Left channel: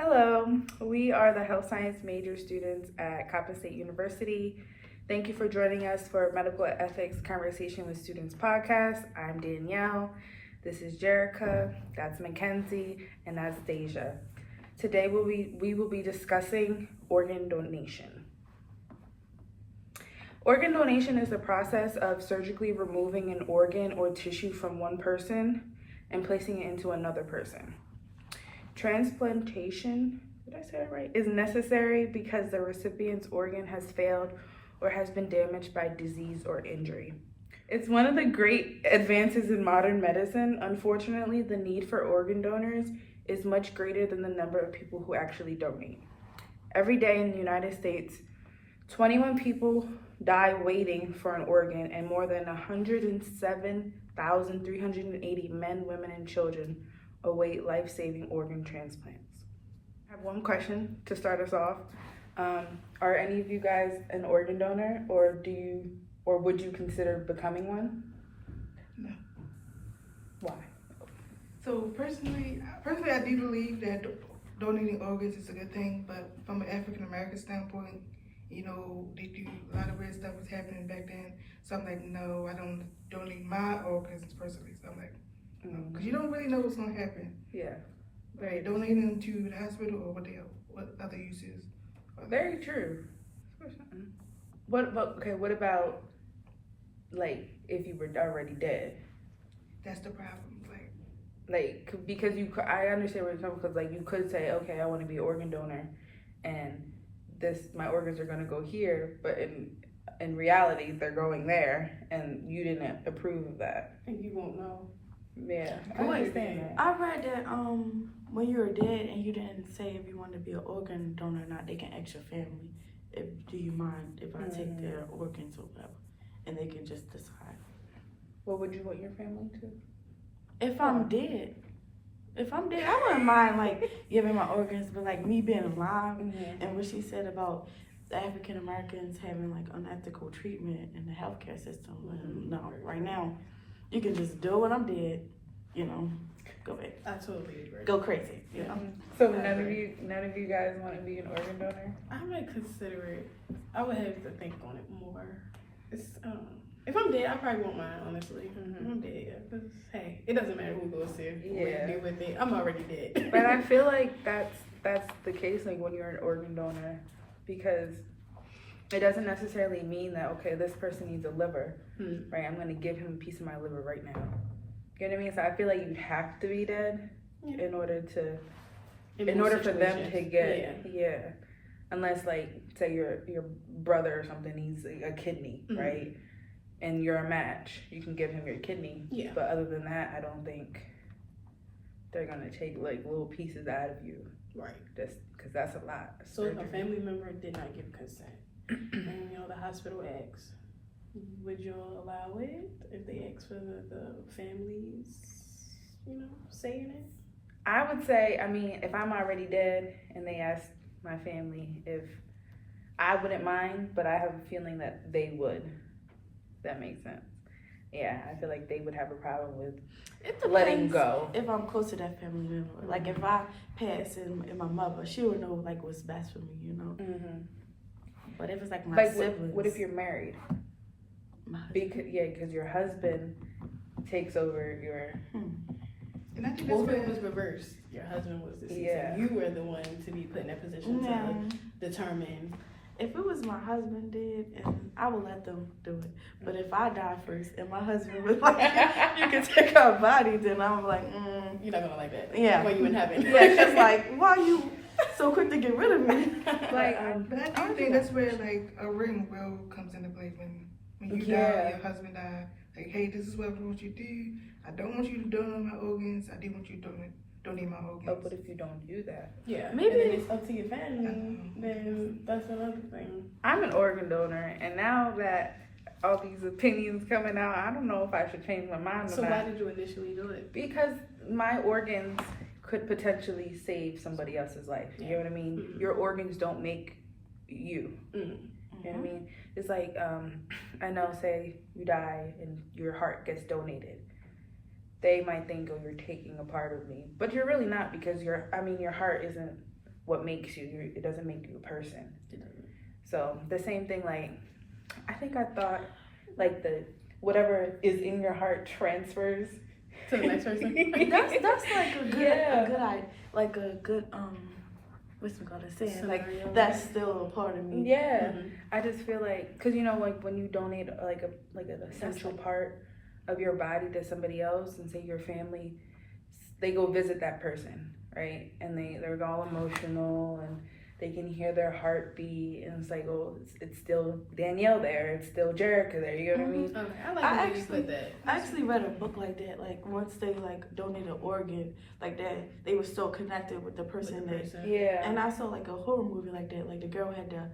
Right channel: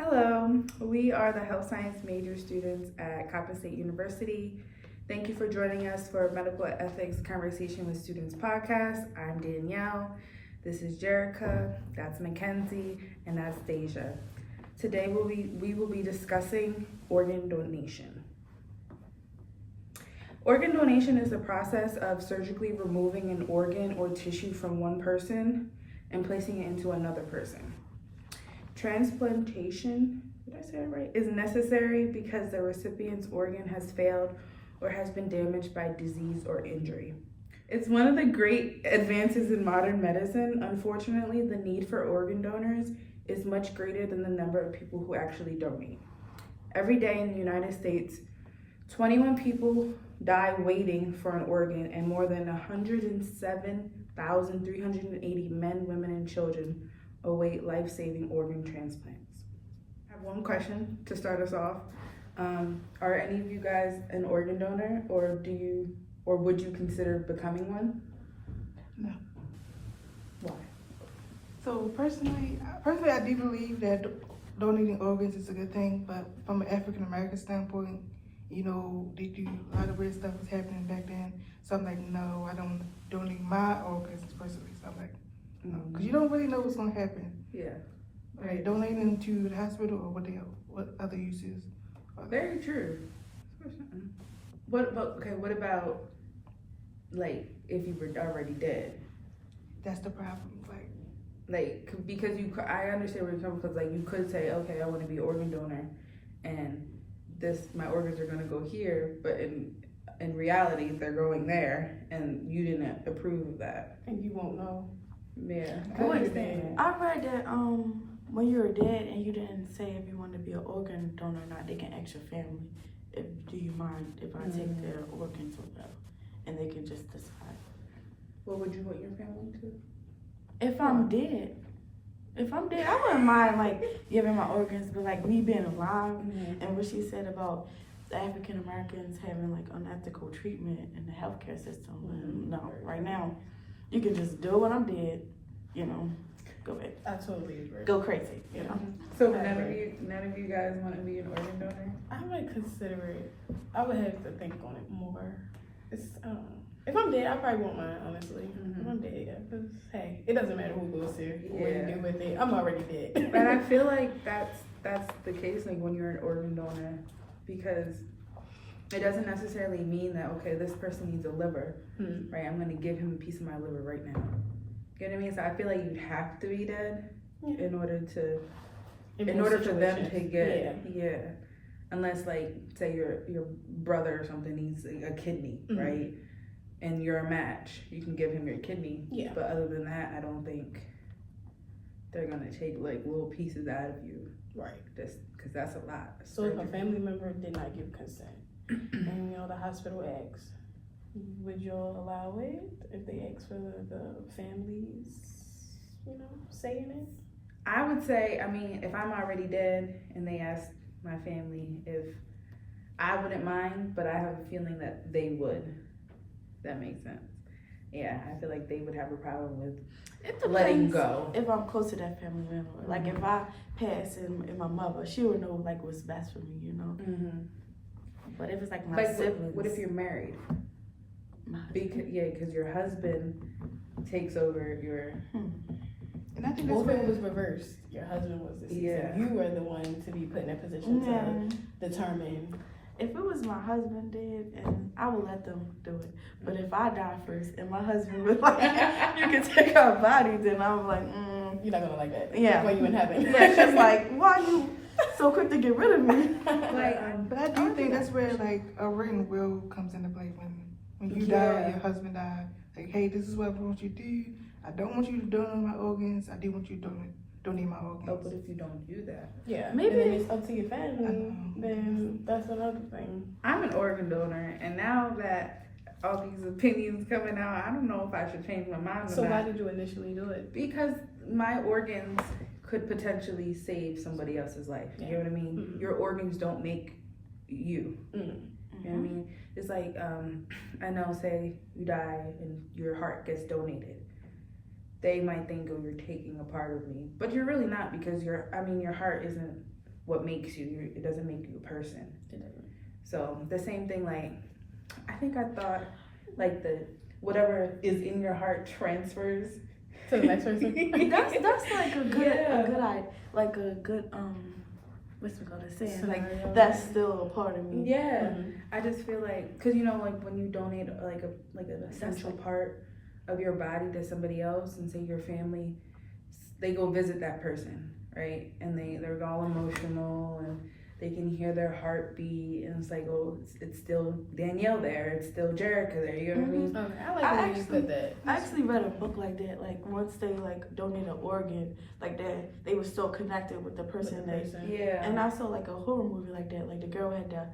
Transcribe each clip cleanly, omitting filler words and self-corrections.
Hello, we are the health science major students at Coppin State University. Thank you for joining us for Medical Ethics Conversation with Students podcast. I'm Danielle, this is Jerica, that's Mackenzie, and that's Deja. Today we will be discussing organ donation. Organ donation is the process of surgically removing an organ or tissue from one person and placing it into another person. Transplantation, did I say that right, is necessary because the recipient's organ has failed or has been damaged by disease or injury. It's one of the great advances in modern medicine. Unfortunately, the need for organ donors is much greater than the number of people who actually donate. Every day in the United States, 21 people die waiting for an organ, and more than 107,380 men, women, and children await life-saving organ transplants. I have one question to start us off. Are any of you guys an organ donor, or would you consider becoming one? No. Why? So personally, I do believe that donating organs is a good thing, but from an African American standpoint, they do a lot of weird stuff was happening back then. So I'm like, no, I don't donate my organs personally. So I'm like, because you don't really know what's gonna happen. Yeah. Right, donating them to the hospital or what other uses. Very true. What about like if you were already dead? That's the problem. Because I understand where you're coming, because like you could say, okay, I want to be an organ donor, and my organs are gonna go here, but in reality they're going there, and you didn't approve of that, and you won't know. Yeah, I understand. I read that when you were dead and you didn't say if you wanted to be an organ donor or not, they can ask your family, do you mind if I take their organs or whatever, and they can just decide. What would you want your family to? If I'm dead, I wouldn't mind like giving my organs, but like me being alive, and what she said about the African Americans having like unethical treatment in the healthcare system. No, right now, you can just do it when I'm dead, go back. I totally agree. Go crazy, So none of you guys want to be an organ donor? I might consider it. I would have to think on it more. If I'm dead, I probably won't mind, honestly. If I'm dead, yeah. Because, hey, it doesn't matter who goes there, what you do with it. I'm already dead. But I feel like that's the case, like when you're an organ donor, because it doesn't necessarily mean that, okay, this person needs a liver, right? I'm going to give him a piece of my liver right now. You know what I mean? So I feel like you have to be dead in order for them to get, unless like, say your brother or something needs a kidney, right? And you're a match, you can give him your kidney. Yeah. But other than that, I don't think they're going to take like little pieces out of you. Right. Just because that's a lot. So if a family member did not give consent, and the hospital asks, would you allow it if they ask for the families, saying it? I would say, if I'm already dead and they ask my family if I wouldn't mind, but I have a feeling that they would. That makes sense. Yeah, I feel like they would have a problem with letting go. If I'm close to that family member, like if I pass and my mother, she would know like what's best for me, But if it's like my siblings, what if you're married? Because your husband takes over your. And I think if it was reversed, your husband was deceased, and you were the one to be put in that position to determine. If it was my husband dead, and I would let them do it. But if I die first and my husband was like, you can take our body, then I'm like, You're not gonna like that. Yeah. While you in heaven. Yeah, because like, why are you so quick to get rid of me? But I do think that's where like a written will comes into play when you die, your husband died. Like, hey, this is what I want you to do. I don't want you to donate my organs. I do want you to donate my organs. Oh, but if you don't do that, maybe it's up to your family. Then that's another thing. I'm an organ donor, and now that all these opinions coming out, I don't know if I should change my mind. So why did you initially do it? Because my organs could potentially save somebody else's life. You know what I mean? Your organs don't make you. You know what I mean? It's like, I know, say you die and your heart gets donated. They might think, oh, you're taking a part of me. But you're really not, because your heart isn't what makes you. It doesn't make you a person. It doesn't. So the same thing, like, I think I thought, like, the whatever is in your heart transfers To the next person. That's like a good Yeah. like a good what's we gonna say? Scenario. Like that's still a part of me. Yeah, Mhm. I just feel like, cause like when you donate like an essential part of your body to somebody else, and say your family, they go visit that person, right? And they're all emotional, and they can hear their heartbeat, and it's like, oh, it's still Danielle there, it's still Jerica there. You know what I mean? Okay, I like I when you actually- put that. I actually read a book like that. Like once they like donate an organ like that, they were still connected with the With person the that. person. Yeah. And I saw like a horror movie like that. Like the girl had to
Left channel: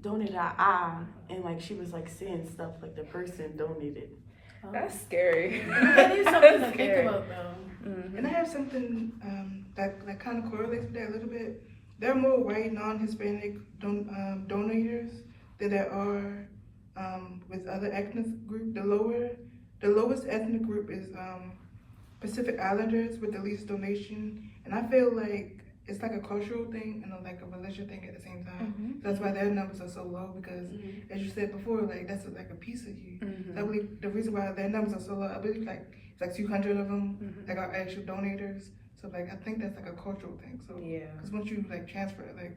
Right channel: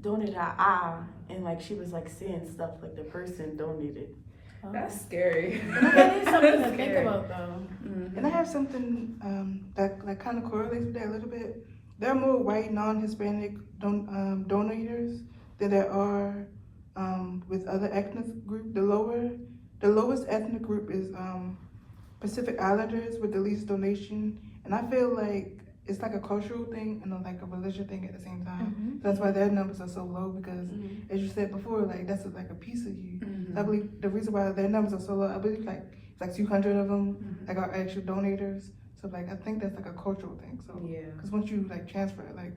donate her eye, and like she was like seeing stuff like the person donated. Oh. That's scary. That is something to That's think scary. about, though. Mhm. And I have something that like kind of correlates with that a little bit. There are more white non-Hispanic donators than there are with other ethnic group. The lowest ethnic group is Pacific Islanders with the least donation, and I feel like it's like a cultural thing and like a religious thing at the same time. That's why their numbers are so low because, as you said before, like that's like a piece of you. Mhm. I believe the reason why their numbers are so low, I believe it's like 200 of them Mhm. like are actual donators. So like I think that's like a cultural thing. So Yeah. because once you like transfer it, like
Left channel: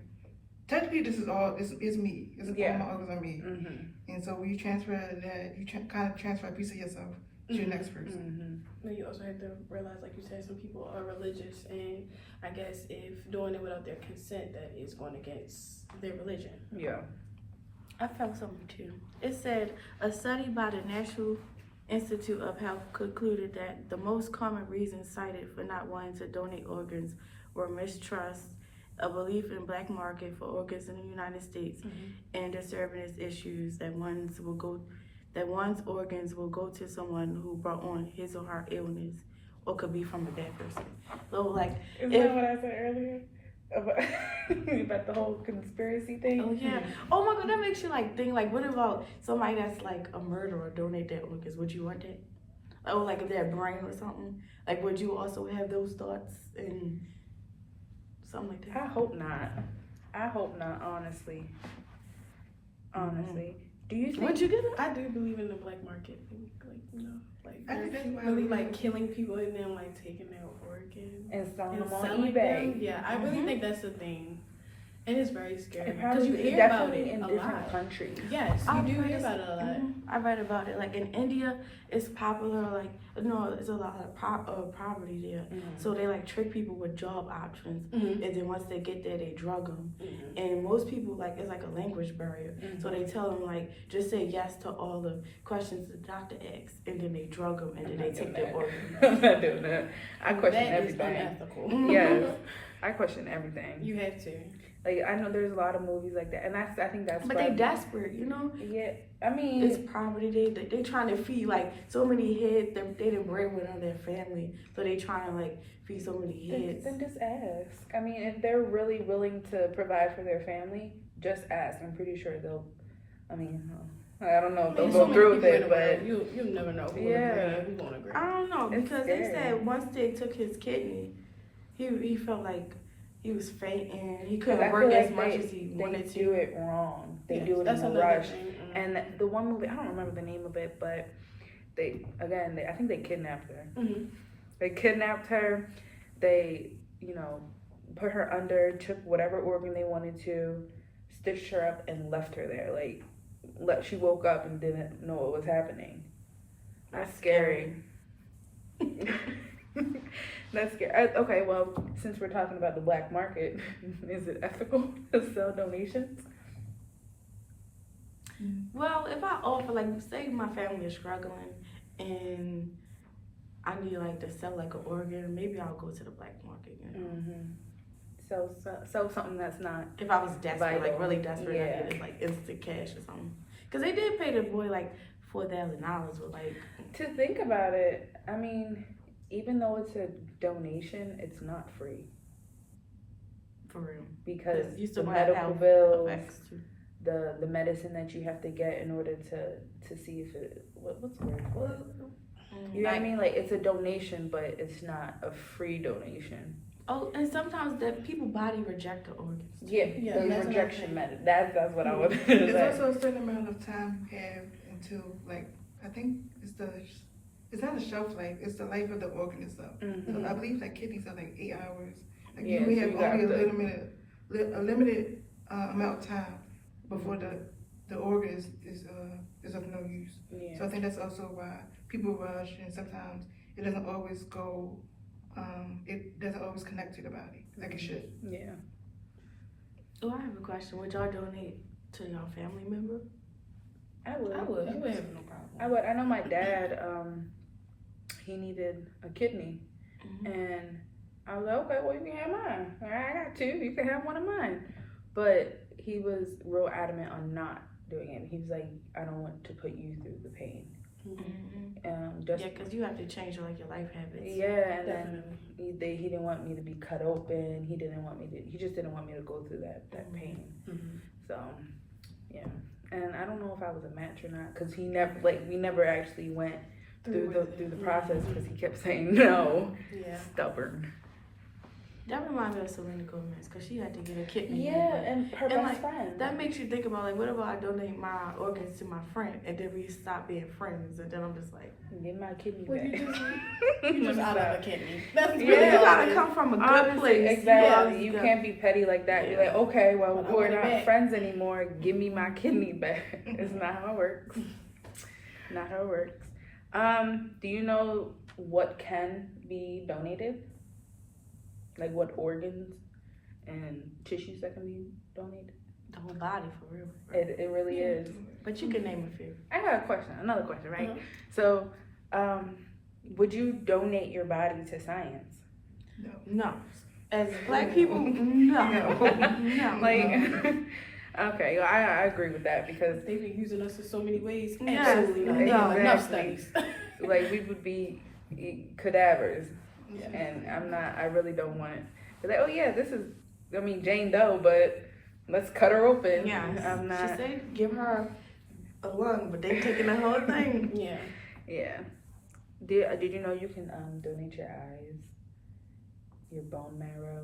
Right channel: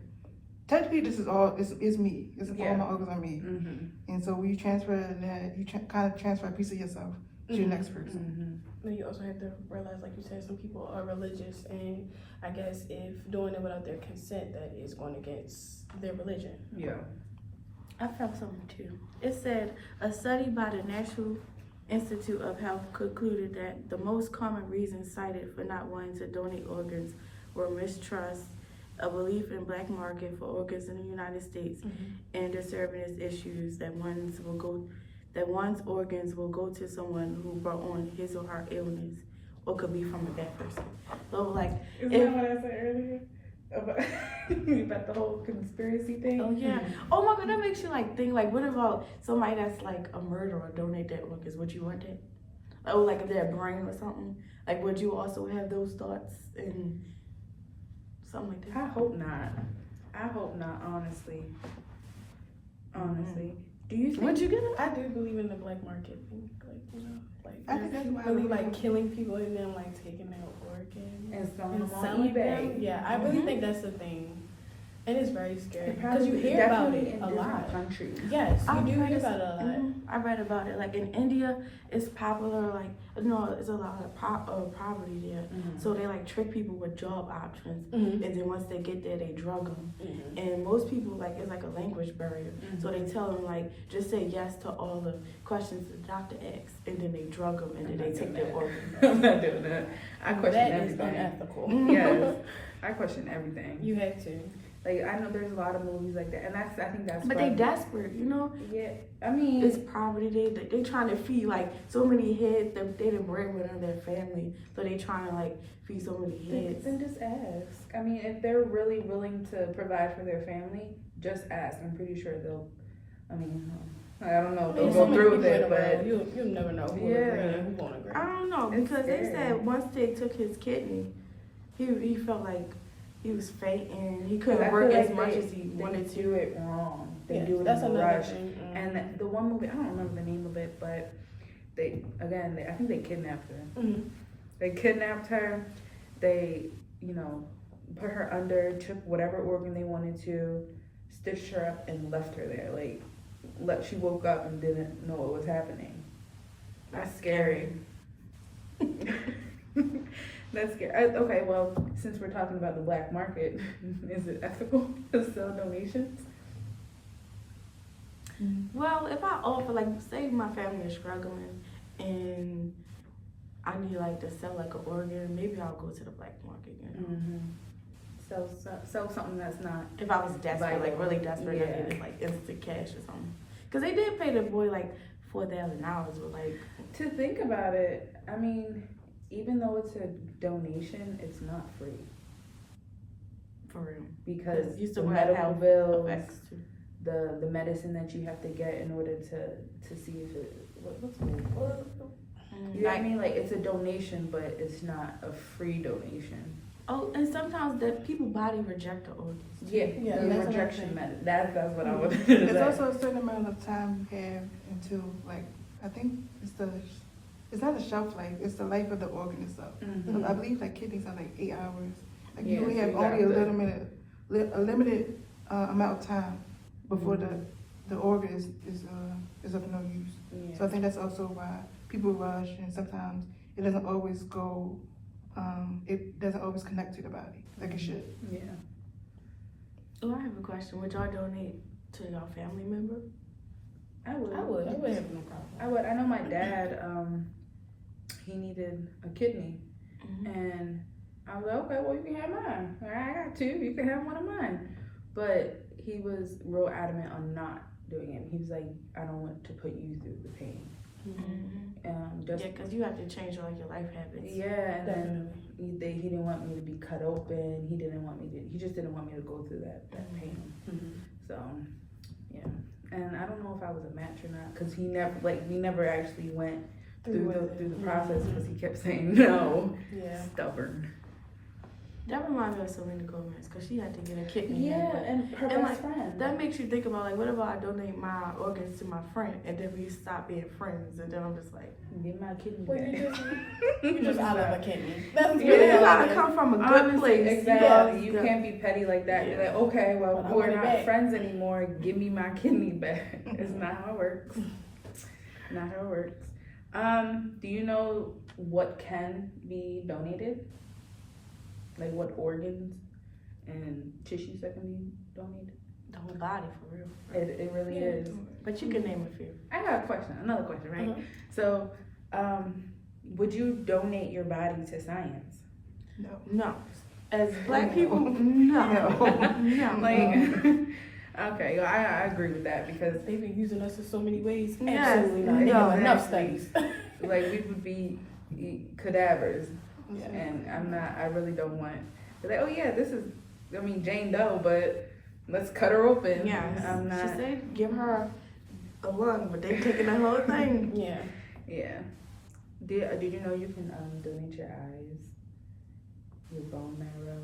technically this is all is me. This is Yeah. all my organs are me. Mhm. And so when you transfer that, you kind of transfer a piece of yourself to your Mhm. next person. Mhm. Then you also have to realize, like you said, some people are religious, and I guess if doing it without their consent, that is going against their religion. Yeah. I felt something too. It said a study by the National Institute of Health concluded that the most common reasons cited for not wanting to donate organs were mistrust, a belief in black market for organs in the United States, and disturbance issues that one's organs will go to someone who brought on his or her illness, or could be from a bad person. So like, Is If- that what I said earlier? About, about the whole conspiracy thing? oh yeah, oh my god, that makes you like think like, what about somebody that's like a murderer donate their organs? Would you want that? Oh, like if their brain or something. Like, would you also have those thoughts and something like I that? hope not. I hope not, honestly. Honestly. Do you think? Would you get it? I do believe in the black market thing, like like I think they're that's why really I like killing people and then like taking their organs And selling and them on selling eBay. them. Yeah, I really Mhm. think that's the thing, and it's very scary because Apparently, you hear about definitely it in a different lot. countries. Yes, you I've do read hear this- about it a lot. I read about it. Like in India, it's popular. Like it's a lot of poverty there. Mhm. So they like trick people with job options, Mhm. and then once they get there, they drug them. Mhm. And most people like it's like a language barrier. Mhm. So they tell them like just say yes to all the questions the doctor asks, and then they drug them, and then they take their organ. I'm not doing that. I question That is everything. unethical. Yes. I question everything. You have to. Like, I know there's a lot of movies like that, and I think that's. But why- they desperate, you know. Yeah, I mean, It's poverty. They trying to feed like so many heads. They the breadwinner of their family, so they trying to like feed so many heads. then just ask. I mean, if they're really willing to provide for their family, just ask. I'm pretty sure they'll. I mean, I don't know if they'll There's go so many through with people in it, the but world, you'll never know who will Yeah. agree and who won't agree. I don't know It's because they scary. said once they took his kidney, he felt like he was fainting. He I couldn't feel work like as much they- as he wanted They do to. it wrong. They Yes, do it that's in a another rush. thing. And the one movie, I don't remember the name of it, but I think they kidnapped her. Mhm. They kidnapped her. They, put her under, took whatever organ they wanted to, stitched her up, and left her there. Like, she woke up and didn't know what was happening. That's scary. That's scary. Okay, well, since we're talking about the black market, is it ethical to sell donations? Well, if I offer like say my family is struggling and I need like to sell like an organ, maybe I'll go to the black market. You know? Mm-hmm. Sell something that's not. If I was desperate, like Vital. really desperate, Yeah. I needed like instant cash or something. Cause they did pay the boy like $4,000, but like To think about it, I mean, even though it's a donation, it's not free for real, because you still the gonna have medical health bills, effects too. the medicine that you have to get in order to see if it what's the word? You know what I Like, mean? Like, it's a donation, but it's not a free donation. Oh, and sometimes that people body reject the organs. Yeah, Yeah, the that's what I'm rejection saying. method. That's what I was. There's say. also a certain amount of time you have until, like, I think it's not a shelf life, it's the life of the organ itself. Mhm. I believe like kidneys are like 8 hours. Like Yeah, you only so have you only have a limited amount of time before the organ is of no use. Yeah. So I think that's also why people rush, and sometimes it doesn't always go, it doesn't always connect to the body like it should. Yeah. Oh, I have a question. Would y'all donate to your family member? I would. I would have no problem. I would. I know my dad. He needed a kidney, Mm-hmm. and I was like, okay, well, you can have mine. I got two. You can have one of mine. But he was real adamant on not doing it. He was like, I don't want to put you through the pain. Just Yeah, because you have to change like your life habits. yeah, and Definitely. then he didn't want me to be cut open. He just didn't want me to go through that pain. Mhm. So, yeah. And I don't know if I was a match or not, because we never actually went through the process, because he kept saying no. Yeah. Stubborn. That reminds me of Selena Gomez because she had to get a kidney. Yeah, and her And, best like, friend. That makes you think about like, what if I donate my organs to my friend and then we stop being friends, and then I'm just like, Get my kidney Well, back. you just out of a kidney. That's Yeah. you really all gotta it come is. from a good Honestly, place. exactly. You Yeah. can't be petty like that. You're Yeah. like, okay, well, But I we're want it not back. friends anymore. Give me my kidney back. It's not how it works. Not how it works. Do you know what can be donated? Like what organs and tissues that can be donated? The whole body for real. It really is. But you can name a few. I got a question. Another question, right? Mhm. So, would you donate your body to science? No. No. As black people, no. No. Like, okay, well, I agree with that, because They've been using us in so many ways. Yes. Absolutely not. They No. have enough Exactly. studies. like we would be cadavers, Yeah. and I really don't want. They're like, oh yeah, this is, I mean, Jane Doe, but let's cut her open. Yes. I'm not. She said give her a lung, but they taking the whole thing. Yeah. Yeah. Did you know you can donate your eyes, your bone marrow,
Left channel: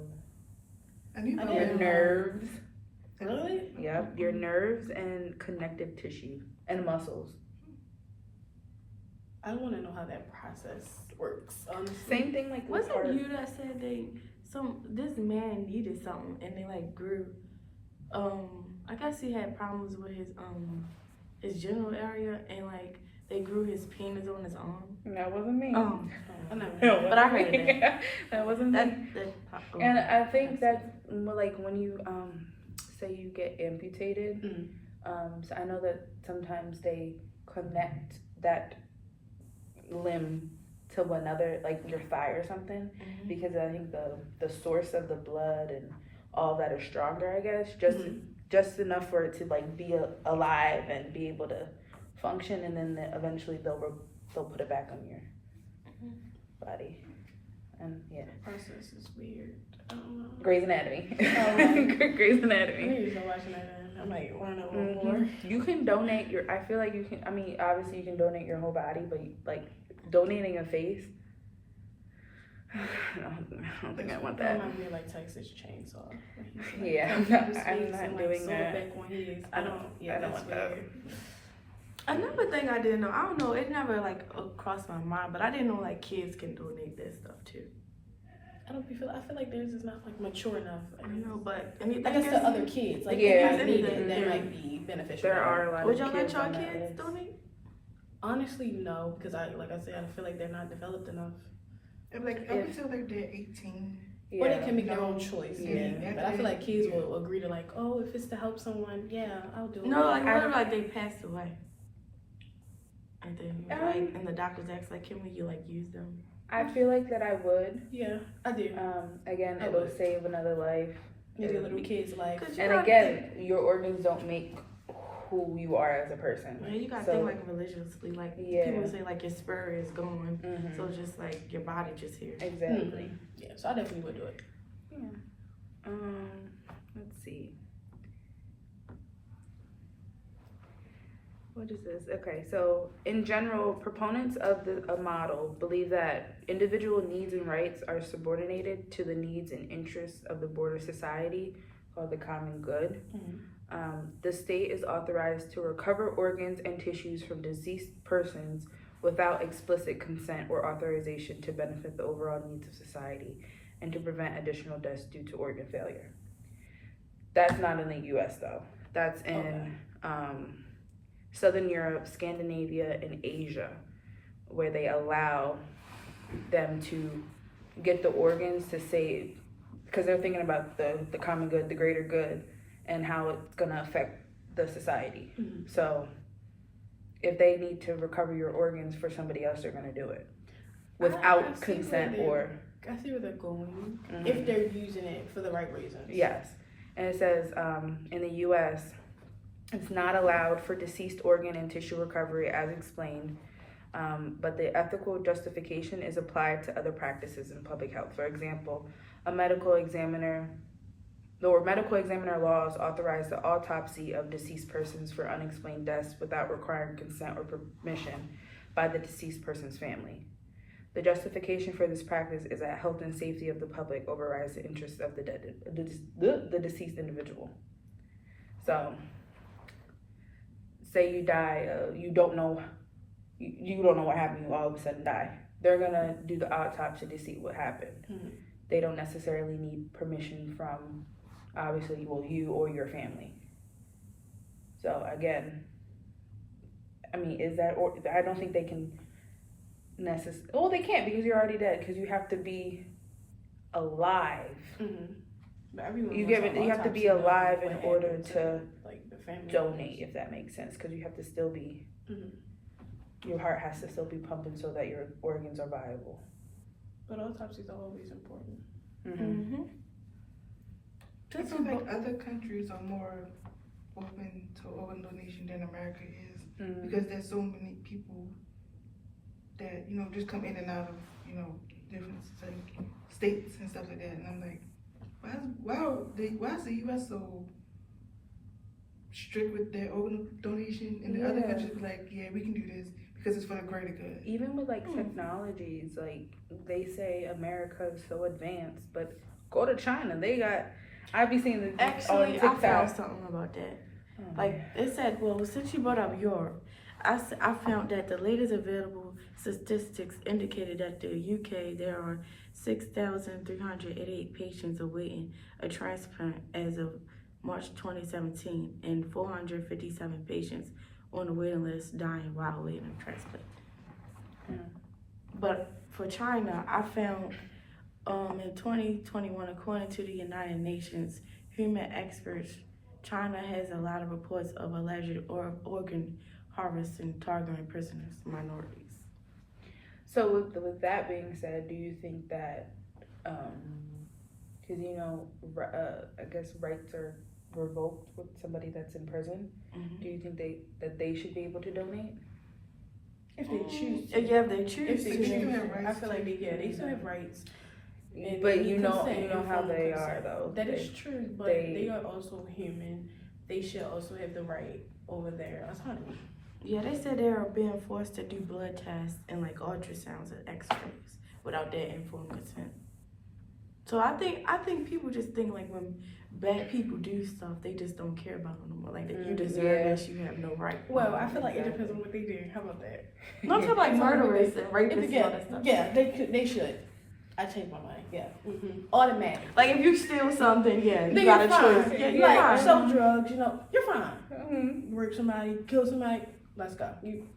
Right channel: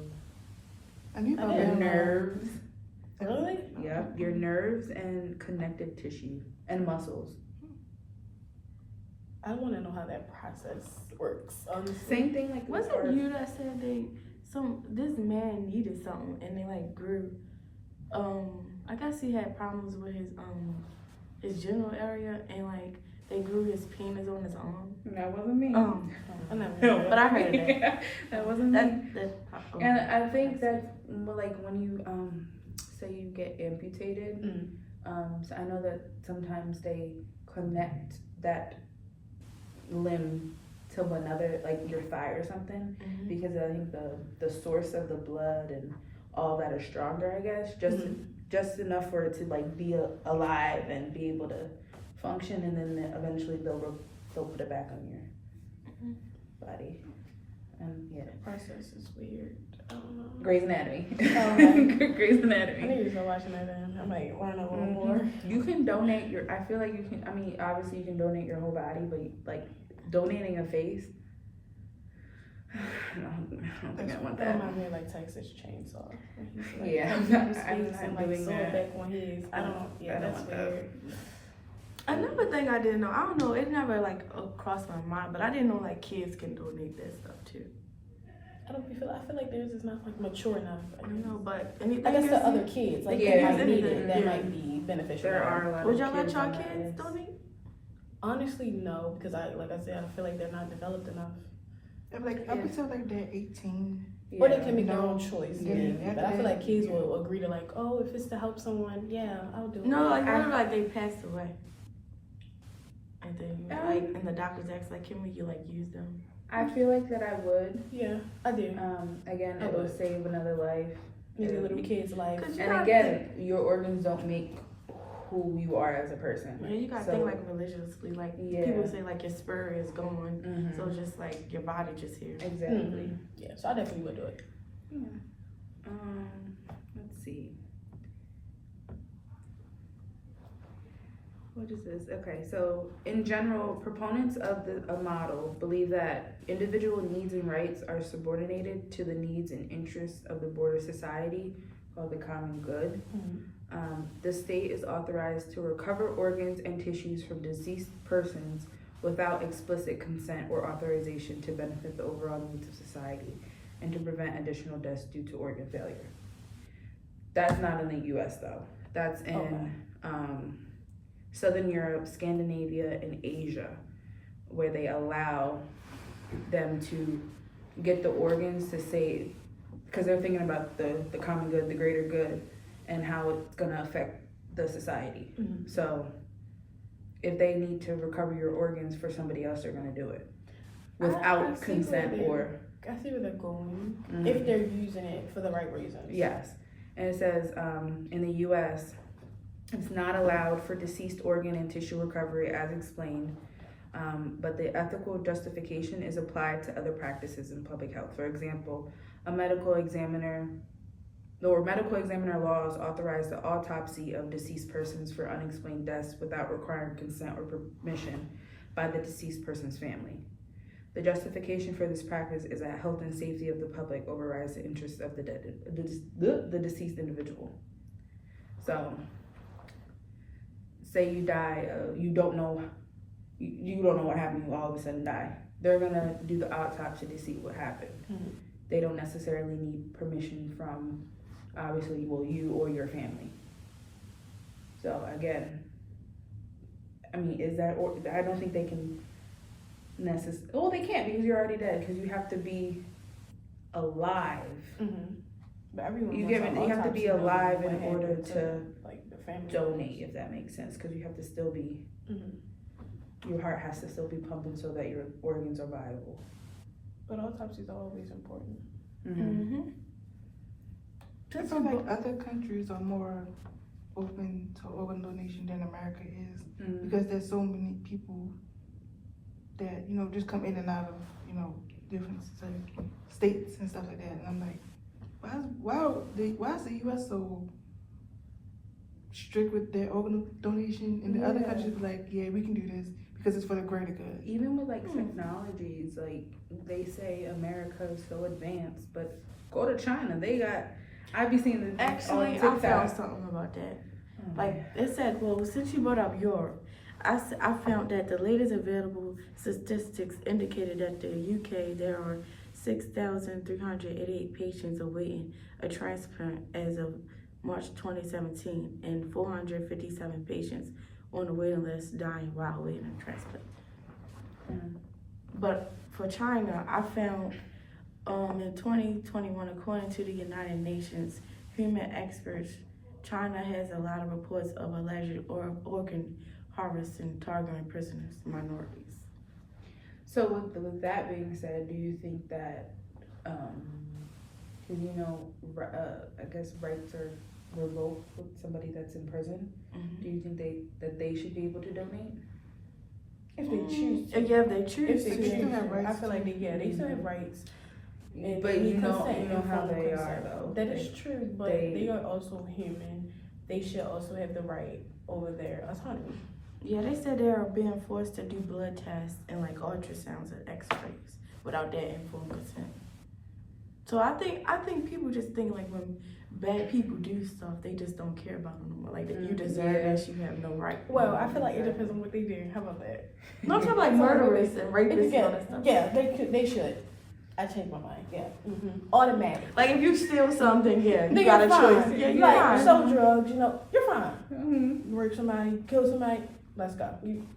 I knew I about your didn't that. know. nerves? Really? Yep, your nerves and connective tissue and muscles. I want to know how that process works. Honestly. Same thing like with Wasn't heart. you that said this man needed something and they like grew I guess he had problems with his general area and like they grew his penis on his arm. That wasn't me. I never. No, But I heard of that. That wasn't me. Oh, And I think that's more like when you say you get amputated. So I know that sometimes they connect that limb to another, like your thigh or something, Mhm. because I think the source of the blood and all that are stronger, I guess, just enough for it to like be alive and be able to function, and then eventually they'll put it back on your body. And yeah, The process is weird. I don't know. Grey's Anatomy. right. Grey's I Anatomy. need to start watching that then. I might learn a little more. You can donate your. I feel like you can. I mean, obviously you can donate your whole body, but like donating a face. I don't think I want That that. reminds me of like Texas Chainsaw. When he's like Yeah, cut people's I'm face not and like doing sew that. it back on his. I don't. Yeah, I don't that's want that. weird. Another thing I didn't know, I don't know, it never like crossed my mind, but I didn't know like kids can donate that stuff too. I feel like theirs is not like mature enough. I know, but anything I guess is- to other kids, like Yeah, they might need anything, it. That yeah. might be beneficial. There to are them. a lot Would of y'all let kids y'all on that kids list. donate? Honestly, no, because I feel like they're not developed enough. I'm like up until like they're 18. Or they Yeah. can make their No. own choice. Yeah, Yeah. But I feel like kids will agree to like, oh, if it's to help someone, yeah, I'll do it. No, like what if like they passed away? And then you Um, like, and the doctors ask like, can we like use them? I feel like that I would. Yeah, I do. Again, I it'll would. save another life. Maybe a little kid's life. Cause you And gotta again, your organs don't make who you are as a person. think, yeah, you gotta So- think like religiously. Like Yeah. people say like your spirit is gone, Mhm. so just like your body just here. Exactly. Yeah, so I definitely would do it. Yeah. Let's see. what is this? Okay, so in general, proponents of a model believe that individual needs and rights are subordinated to the needs and interests of the broader society, called the common good. The state is authorized to recover organs and tissues from deceased persons without explicit consent or authorization to benefit the overall needs of society and to prevent additional deaths due to organ failure. That's not in the U.S. though. That's in Southern Europe, Scandinavia, and Asia, where they allow them to get the organs to save, because they're thinking about the common good, the greater good, and how it's gonna affect the society. So if they need to recover your organs for somebody else, they're gonna do it without consent or. I see where they're going, if they're using it for the right reasons. Yes, and it says in the U.S., it's not allowed for deceased organ and tissue recovery as explained, but the ethical justification is applied to other practices in public health. For example, medical examiner laws authorize the autopsy of deceased persons for unexplained deaths without requiring consent or permission by the deceased person's family. The justification for this practice is that health and safety of the public overrides the interests of the deceased individual. So, say you die, you don't know what happened, you all of a sudden die. They're gonna do the autopsy to see what happened. They don't necessarily need permission from, obviously, you or your family. So again, I mean, I don't think they can well, they can't, because you're already dead, because you have to be alive. But everyone You have to be alive in order to like the family donate, if that makes sense, because you have to still be, your heart has to still be pumping so that your organs are viable. But autopsies are always important. I feel like other countries are more open to organ donation than America is, because there's so many people that, you know, just come in and out of, you know, different states and stuff like that. And I'm like, why is the U.S. so strict with their organ donation, and the other countries be like, yeah, we can do this because it's for the greater good? Even with like technologies, like they say America is so advanced, but go to China, they got. I be seeing this Actually, on I TikTok. found something about that. Like it said, well, since you brought up Europe, I found that the latest available statistics indicated that the UK there are 6,388 patients awaiting a transplant as of March 2017, and 457 patients on the waiting list dying while waiting a transplant. But for China, I found in 2021, according to the United Nations human experts, China has a lot of reports of alleged organ harvesting targeting prisoners, minorities. So with that being said, do you think that, because you know, I guess rights are revoked with somebody that's in prison, do you think that they should be able to donate? If they choose to. Yeah, if they choose If they to. choose to. I feel like they still have rights. And But they need you know consent, how informed they are consent. though. That is true, but they- they are also human. They should also have the right over their autonomy. Yeah, they said they are being forced to do blood tests and like ultrasounds and x-rays without their informed consent. So I think people just think like when bad people do stuff, they just don't care about them no more. Like that you deserve this, you have no right. Well, I feel like it depends on what they do. How about that? No, I'm talking like murderers and rapists and all that Yeah, stuff. yeah, they should. I changed my mind. Yeah, automatic. Like if you steal something, yeah, you Then got a you're fine. choice. Yeah, you're like fine. sell drugs, you know, you're fine. Rape somebody, kill somebody. Let's go. You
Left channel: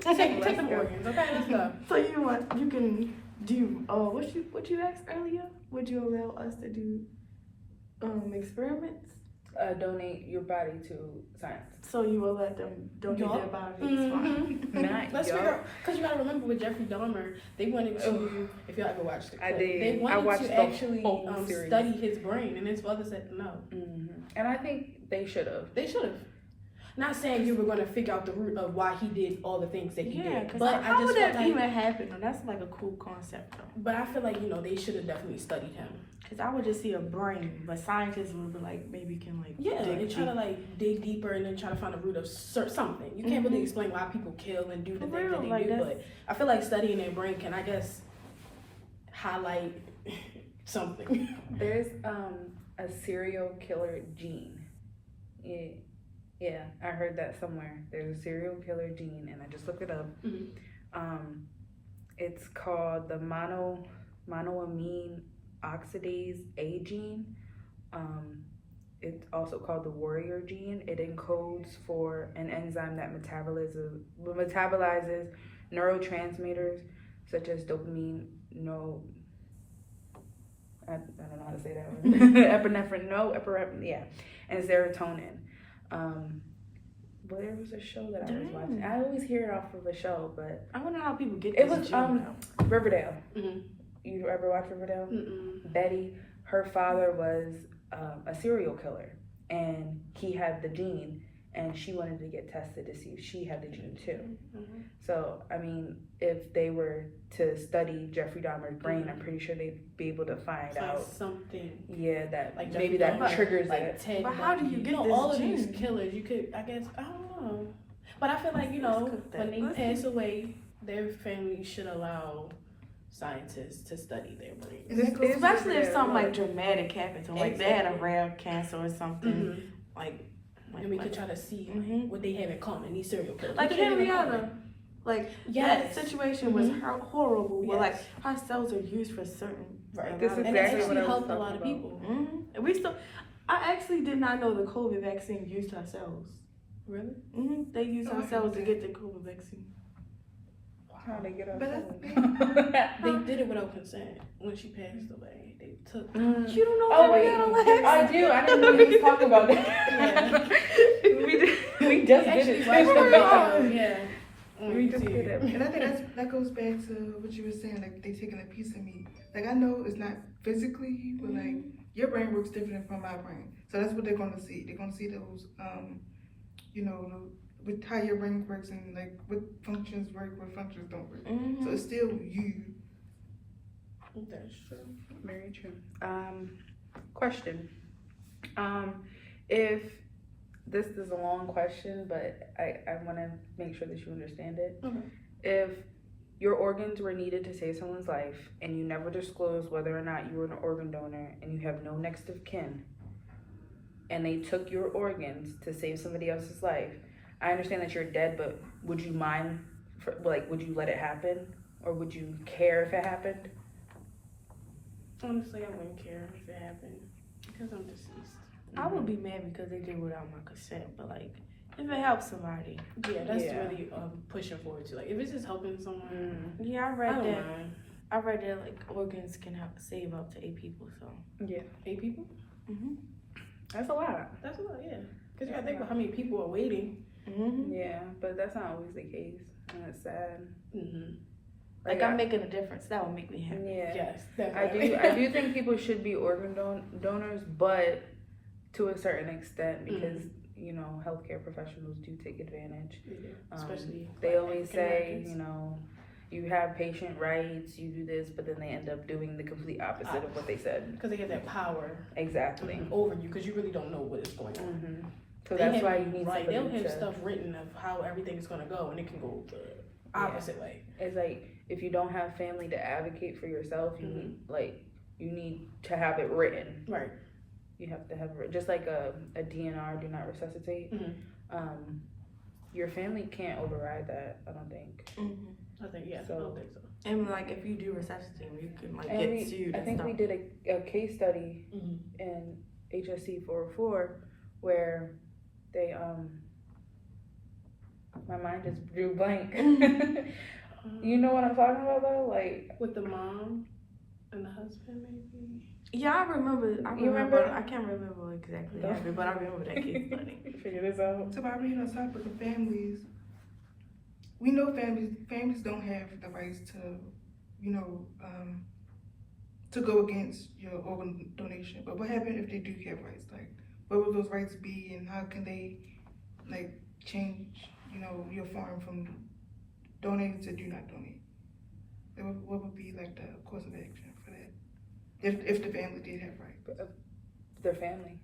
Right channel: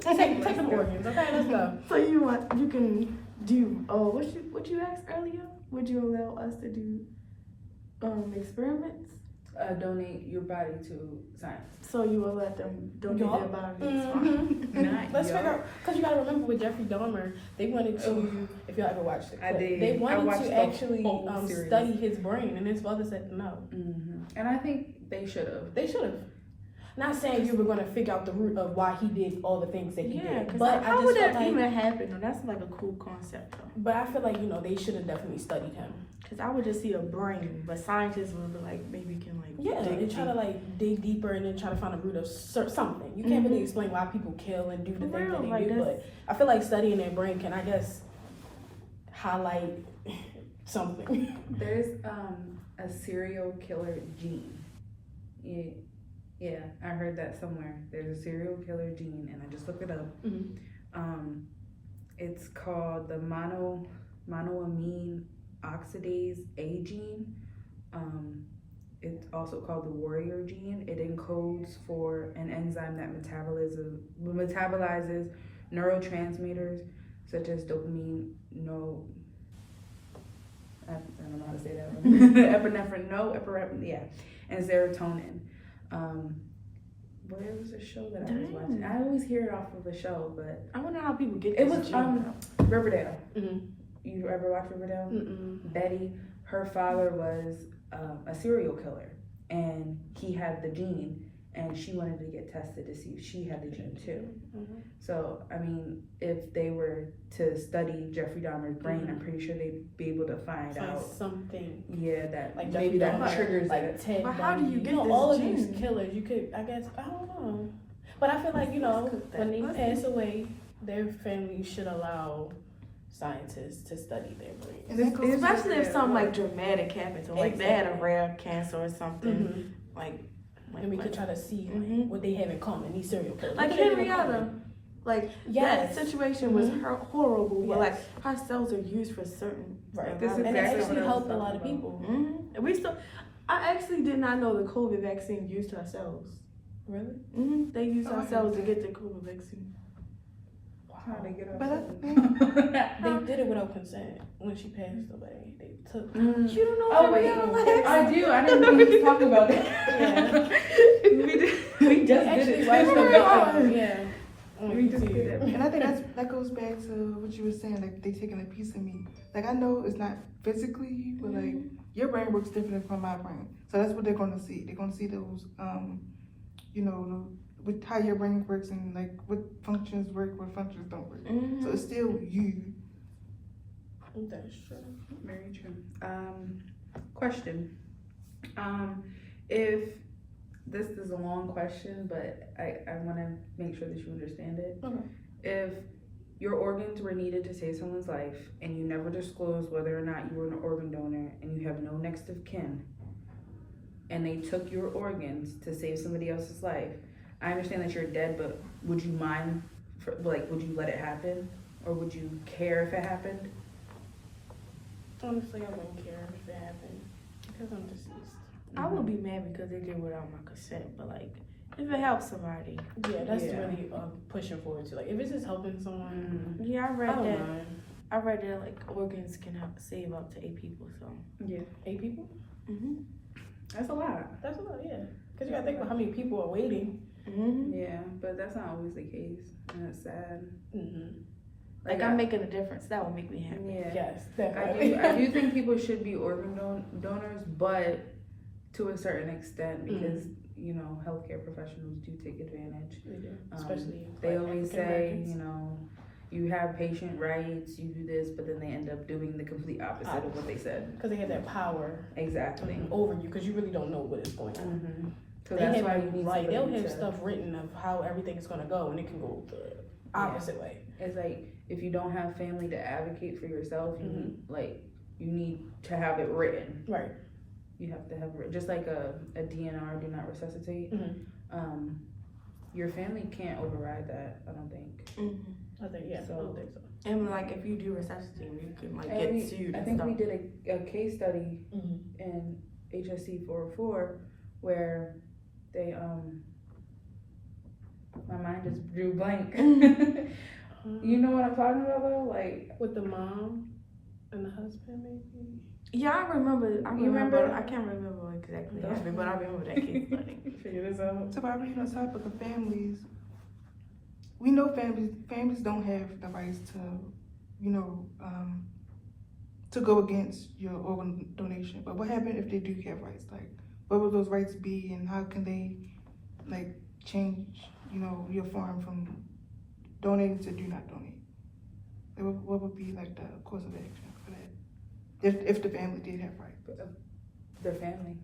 take the organs, okay? Let's go. So you can do what you asked earlier? Would you allow us to do experiments? Donate your body to science. So you will let them donate their bodies? Fine. Let's figure out, because you gotta remember with Jeffrey Dahmer, they wanted to, if y'all ever watched the clip, I did. they I wanted watched to the actually whole series. study his brain, and his father said no. And I think they should have. They should have. Not saying you were gonna figure out the root of why he did all the things that he Yeah, did, because but how I would just that felt like, even happen? Though? That's like a cool concept though. but I feel like they should have definitely studied him. Because I would just see a brain, but scientists would be like, maybe can like Yeah, dig and try to deep. like dig deeper and then try to find the root of something. You can't really explain why people kill and do the For things real, that they like, do, that's- but I feel like studying their brain can, I guess, highlight something. There's a serial killer gene. Yeah, I heard that somewhere. There's a serial killer gene, and I just looked it up. Mhm. It's called the monoamine oxidase A gene. It's also called the warrior gene. It encodes for an enzyme that metabolizes neurotransmitters such as dopamine, I don't know how to say that one. Epinephrine, and serotonin. Where was the show that I was watching? I always hear it off of a show, but I wonder how people get it this was gene. Riverdale. Mhm. You ever watch Riverdale? Mm-mm. Betty, her father was a serial killer, and he had the gene, and she wanted to get tested to see if she had the gene too. Mhm. So, I mean, if they were to study Jeffrey Dahmer's brain, I'm pretty sure they'd be able to find Find out. something. Yeah, that Like maybe Jeffrey that Dahmer, triggers like it. Ted But how do you Bundy. get this all of gene? these killers? You could, I guess, I don't know. But I feel like Let's cook that. when they Let's pass away, their family should allow scientists to study their brains. And that goes Especially if Yeah, something well, like dramatic happened to them, like they had a Exactly. rare cancer or something, Mhm. like And we could try to see Mhm. what they have in common. These serial killers, like What do they have in Henrietta. common? Like Yes. that situation was Mhm. horrible, but like Yes. her cells are used for certain. Right. This is And it exactly actually what I was helped a talking lot of about. people. And we still. I actually did not know the COVID vaccine used her cells. Really? They used our cells to get the COVID vaccine. How they get But that's outside? They did it without consent when she passed away. They took. You don't know Oh, wait. Henrietta Lacks? I do. I didn't know we was talking about that. Yeah. we just actually did watched it. the Oh. video. Yeah. We just did it. And I think that goes back to what you were saying, like they taking a piece of me. Like I know it's not physically you, but like your brain works different from my brain. So that's what they're gonna see. They're gonna see those with how your brain works and like what functions work, what functions don't work. So it's still you. That's true. Very true. Question. If this is a long question, but I want to make sure that you understand it. Okay. If your organs were needed to save someone's life and you never disclosed whether or not you were an organ donor and you have no next of kin and they took your organs to save somebody else's life, I understand that you're dead, but would you mind, would you let it happen? Or would you care if it happened? Honestly, I wouldn't care if it happened because I'm deceased. I would be mad because they did it without my consent, but like if it helps somebody. Yeah, that's Yeah. really pushing forward to. Like, if it's just helping someone, Yeah, I I read don't that. mind. I read that like organs can help save up to 8 people. So. Yeah. 8 people? That's a lot. That's a lot, yeah. Because you gotta think about how many people are waiting. Yeah, but that's not always the case, and it's sad. Mm-hmm. Like I'm making a difference. That would make me happy. Yeah. Yes, I definitely. do think people should be organ donors, but to a certain extent, because you know healthcare professionals do take advantage. They do, especially They like always African say, Americans. you know, you have patient rights, you do this, but then they end up doing the complete opposite of what they said. Because they have that power Exactly. over you, because you really don't know what is going on. Mm-hmm. So They that's have why you need right. They'll somebody have to- stuff written of how everything is gonna go, and it can go the opposite way. It's like if you don't have family to advocate for yourself, you need to have it written. Right. You have to have it just like a DNR, do not resuscitate. Your family can't override that. I don't think. I think I don't think so. And like if you do resuscitate, you can like get sued I and think stuff. we did a case study in HSC 404 where they my mind just drew blank. You know what I'm talking about though? Like with the mom and the husband, maybe. Yeah, I remember. You remember? I can't remember what exactly happened, but I remember that case study. Figure this out. So by reading on topic of families, we know families don't have the rights to, to go against your organ donation. But what happened if they do have rights? Like, what would those rights be, and how can they, like change, your form from donating to do not donate? What would be like the course of action for that? If the family did have rights. Their family.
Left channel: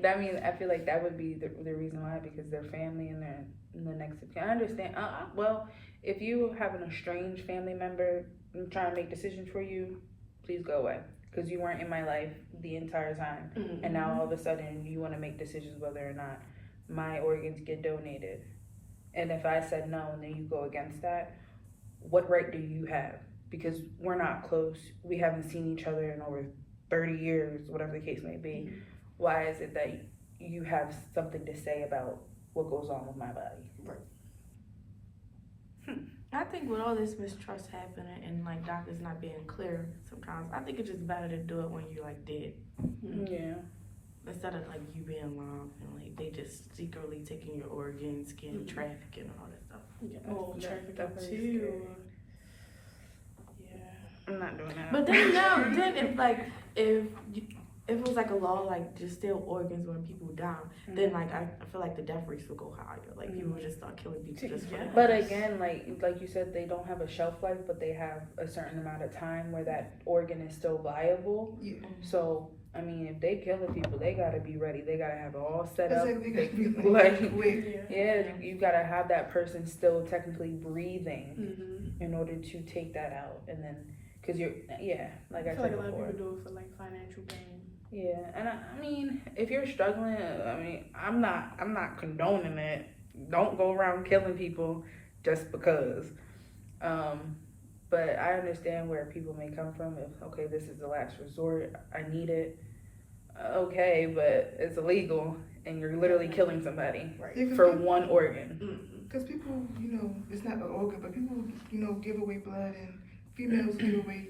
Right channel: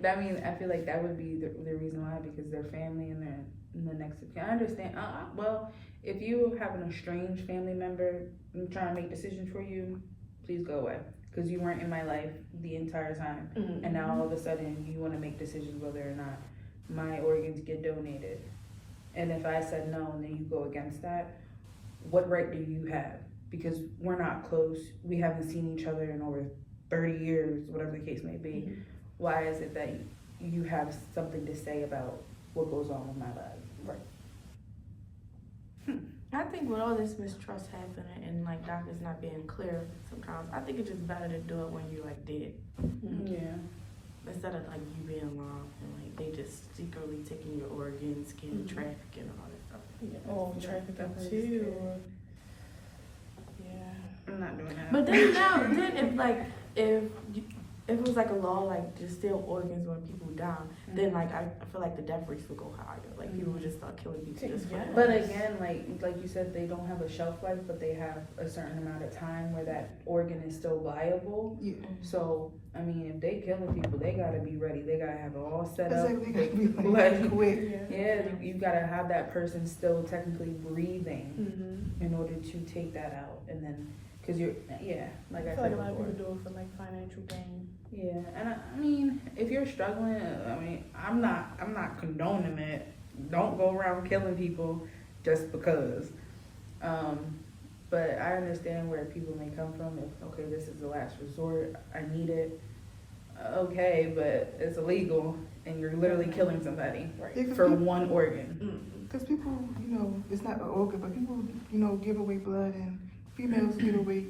That means I feel like that would be the reason why, because their family and the next of kin. I understand. Well, if you have an estranged family member trying to make decisions for you, please go away, because you weren't in my life the entire time, and now all of a sudden you want to make decisions whether or not my organs get donated. And if I said no, and then you go against that, what right do you have? Because we're not close. We haven't seen each other in over 30 years, whatever the case may be. Why is it that you have something to say about what goes on with my body? Right. I think with all this mistrust happening and like doctors not being clear sometimes, I think it's just better to do it when you're like dead. Yeah. Instead of like you being alive and like they just secretly taking your organs, skin trafficking and all that stuff. Yeah. Oh, trafficking That's too. scary. Yeah. I'm not doing that. But then if it was like a law like just steal organs when people die, then like I feel like the death rates would go higher. Like people would just start killing people just for that. But again, like you said, they don't have a shelf life, but they have a certain amount of time where that organ is still viable. Yeah. So I mean, if they killing people, they gotta be ready. They gotta have it all set That's up. like, they gotta be Like, quick. Yeah, you gotta have that person still technically breathing in order to take that out, and then because like I I feel said like a lot of before. people do it for like financial gain. Yeah, and I mean, if you're struggling, I mean, I'm not condoning it. Don't go around killing people just because. But I understand where people may come from. If okay, this is the last resort, I need it. Okay, but it's illegal, and you're literally killing somebody Right. for one organ. Because people, it's not an organ, but people, give away blood, and females give away,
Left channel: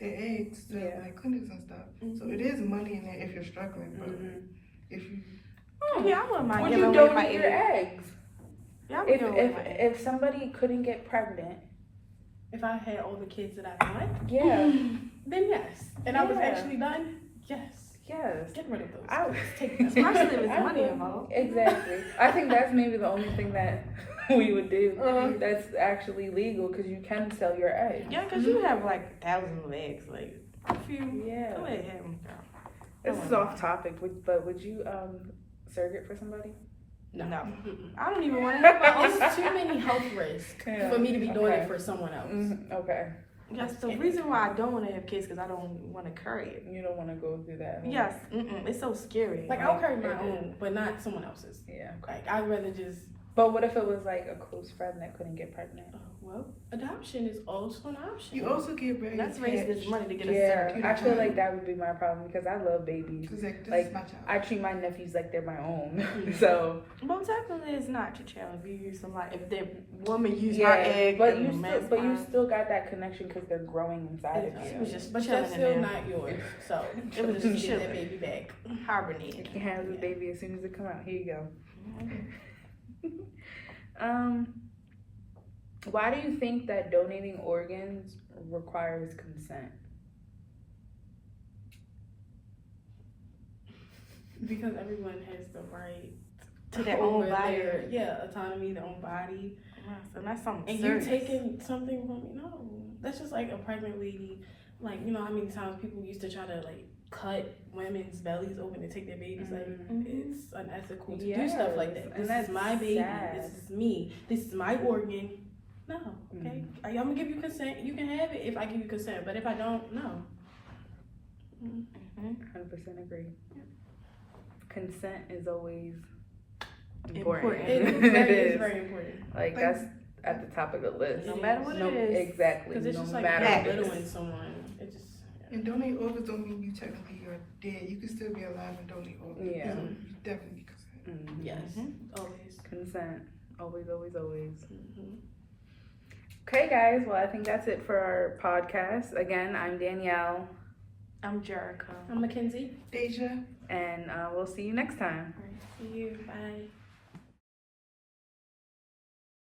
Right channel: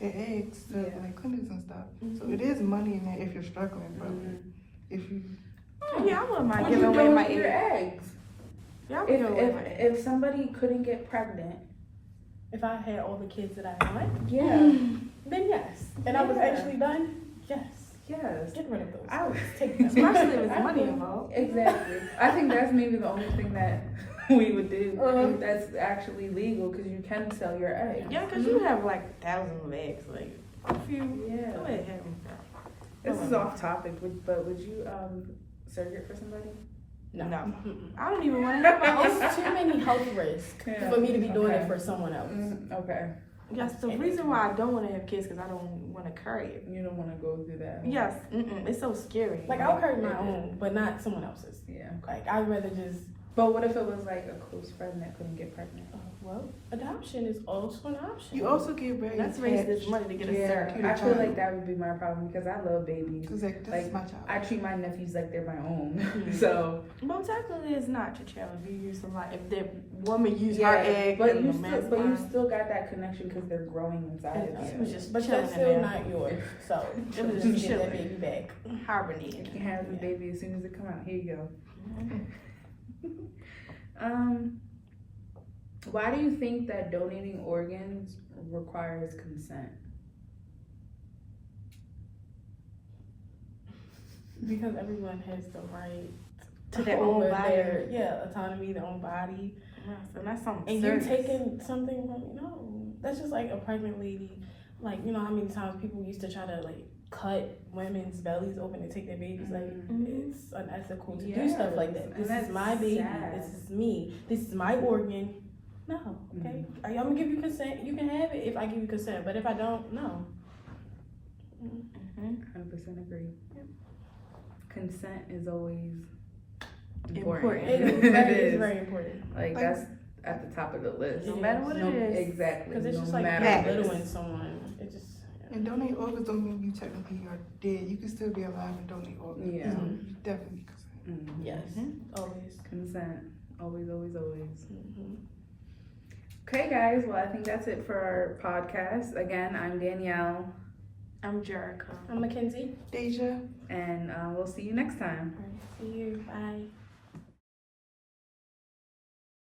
their eggs to like clinics and stuff. So it is money in there if you're struggling, but if you Yeah, I wouldn't mind Would giving you away my donate your eggs. eggs? Yeah, I would give away my eggs. If somebody couldn't get pregnant, If I had all the kids that I want, then yes. And I was Yeah. actually done, yes. yes. Get rid of those. I would Take them. Especially if it's I money would- involved. Exactly. I think that's maybe the only thing that we would do that's actually legal, because you can sell your eggs. Yeah, because you have like thousands of eggs. Like, if you Yeah. go ahead, have them. This is off topic, but would you surrogate for somebody? No. Mm-mm. I don't even want to have my own. It's too many health risks Yeah. for me to be doing Okay. it for someone else. Okay. Yes, the reason why I don't want to have kids because I don't want to carry it. You don't want to go through that. Yes, it's so scary. Like I'll carry my own, but not someone else's. Yeah. Like I'd rather just. But what if it was like a close friend that couldn't get pregnant? Well, adoption is also an option. you also get ready. Let's raise this money to get a Yeah, surrogate. I feel like that would be my problem, because I love babies. It's like, this Like, is my child. I treat my nephews like they're my own. Mhm. So Well, technically, it's not your child if you use somebody. If the woman used her egg but and you the man's still, but you sperm. still got that connection because they're growing inside of She you. was just But chilling that's in still there, not yours. So It was you just get that chilling. baby back. hibernating. You can have the baby as soon as it come out. Here you go. Why do you think that donating organs requires consent? Because everyone has the right To their over own body. their autonomy, their own body. Yes, and that's something And serious. you taking something from me? No, that's just like a pregnant lady. Like, you know how many times people used to try to like cut women's bellies open to take their babies? Like, it's unethical to do stuff like that. Yes, and This that's is my baby. sad. This is me. This is my organ. No, okay. I'm gonna give you consent. You can have it if I give you consent, but if I don't, no. 100% agree. Consent is always Important. It It is is. very important Like, that's at the top of the list. No matter what it is. Exactly. because it's no just like matter that. what it is. belittling someone. It just And donate organs don't mean you technically are dead. You can still be alive and donate organs. Yeah. So you definitely consent. Mhm. yes, always. Consent. Always, always, always. Mm-hmm. Okay, guys. Well, I think that's it for our podcast. Again, I'm Danielle, I'm Jericho. I'm Mackenzie. Deja. and we'll see you next time. All right, see you. Bye.